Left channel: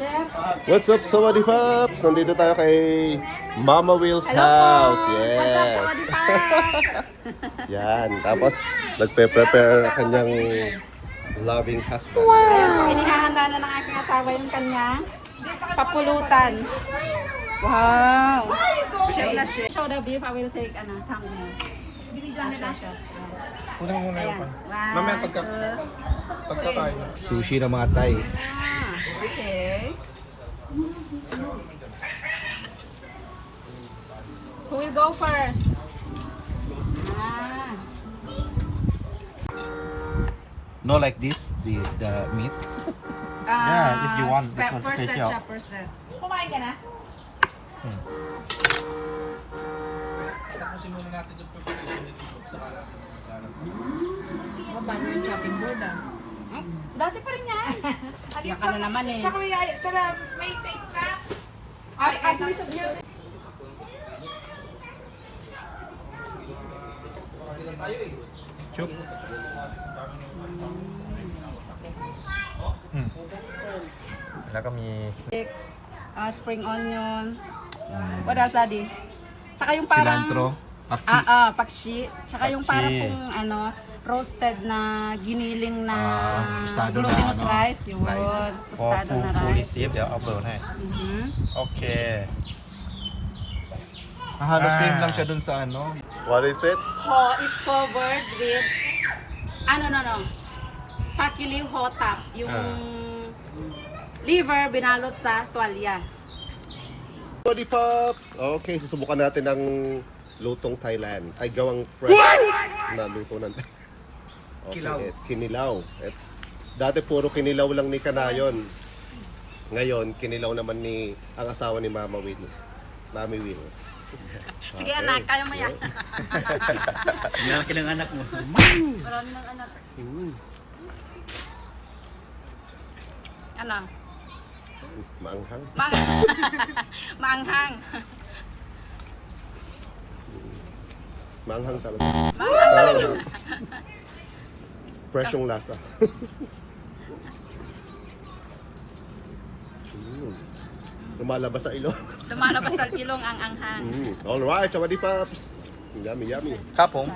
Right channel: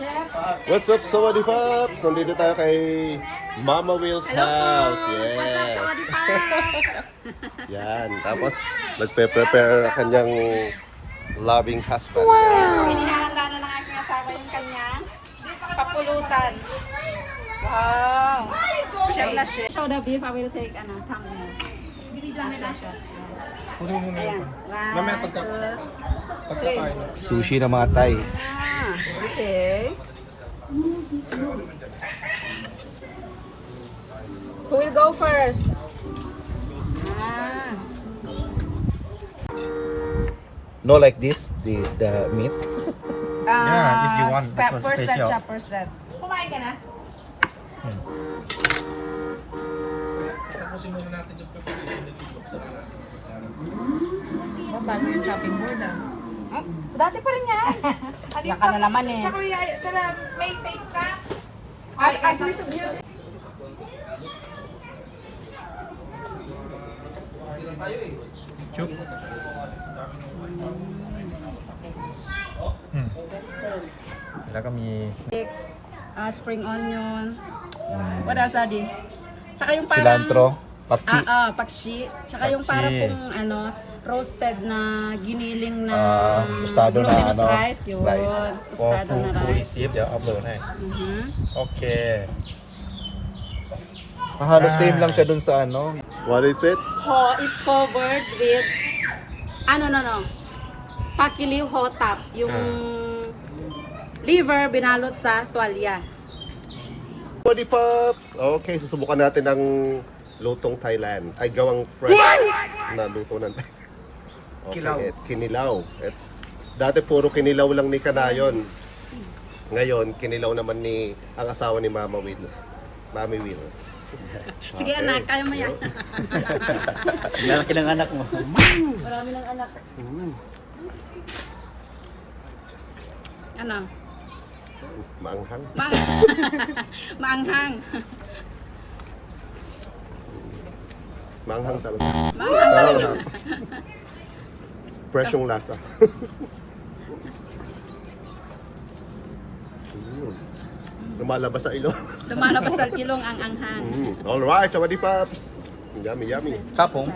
Chef. What's up, Sawadee Pops? Nandito tayo kay Mama Will's Hello house. po. Yes. What's up, Sawadee Pops? Yan. Tapos, nagpe-prepare kanyang loving husband. Pinahanda na ng aking asawa yung kanya papulutan. Wow. Chef na chef. Show the beef. I will take thumbnail. Una mo ngayon pa. Wow. Mamaya pagkakain. Sushi na mga Thai. Ah, okay. Who will go first? Ah. No, like this, the meat. Yeah, if you want, this was first special. Set, first set. Kumain ka na? Tapusin muna natin yung preparation ng chicken sa kanan. Bago yung chopping board ah. Oh, dati pa rin yan. Yan ka na naman eh. Tara, may take ka. At least of you. Chup. Wala kami. Spring onion. What else, Adi? Tsaka yung parang... Cilantro. Pakchi. Pakshi. Tsaka yung Pakshi. parang kung roasted na giniling na Tostado na glutinous ano. rice. Yun. Tostado na Fully rice. seed. Yeah, upload. Hey. Mhm. Okay. Halos same lang siya dun sa ano. What is it? Ho is covered with no. Pakiliw ho top. Yung liver binalot sa tuwalya. Sawadee Pops! Okay, susubukan natin ang lutong Thailand. Ay, gawang fresh na luto ng okay, Kilaw. Kinilaw. Dati puro kinilaw lang ni Kanayon. Ngayon, kinilaw naman ni ang asawa ni Mama Will. Mami Will. Sige anak, kaya mo yan. Malaki ng anak mo. Marami ng anak. Ano? Maanghang. Maanghang. Maanghang talaga. Maanghang talaga. Fresh yung lasa. Lumalabas sa ilong. Lumalabas sa kilong ang anghang. Alright, Sawadee Pops! Yummy, yummy. Kapong.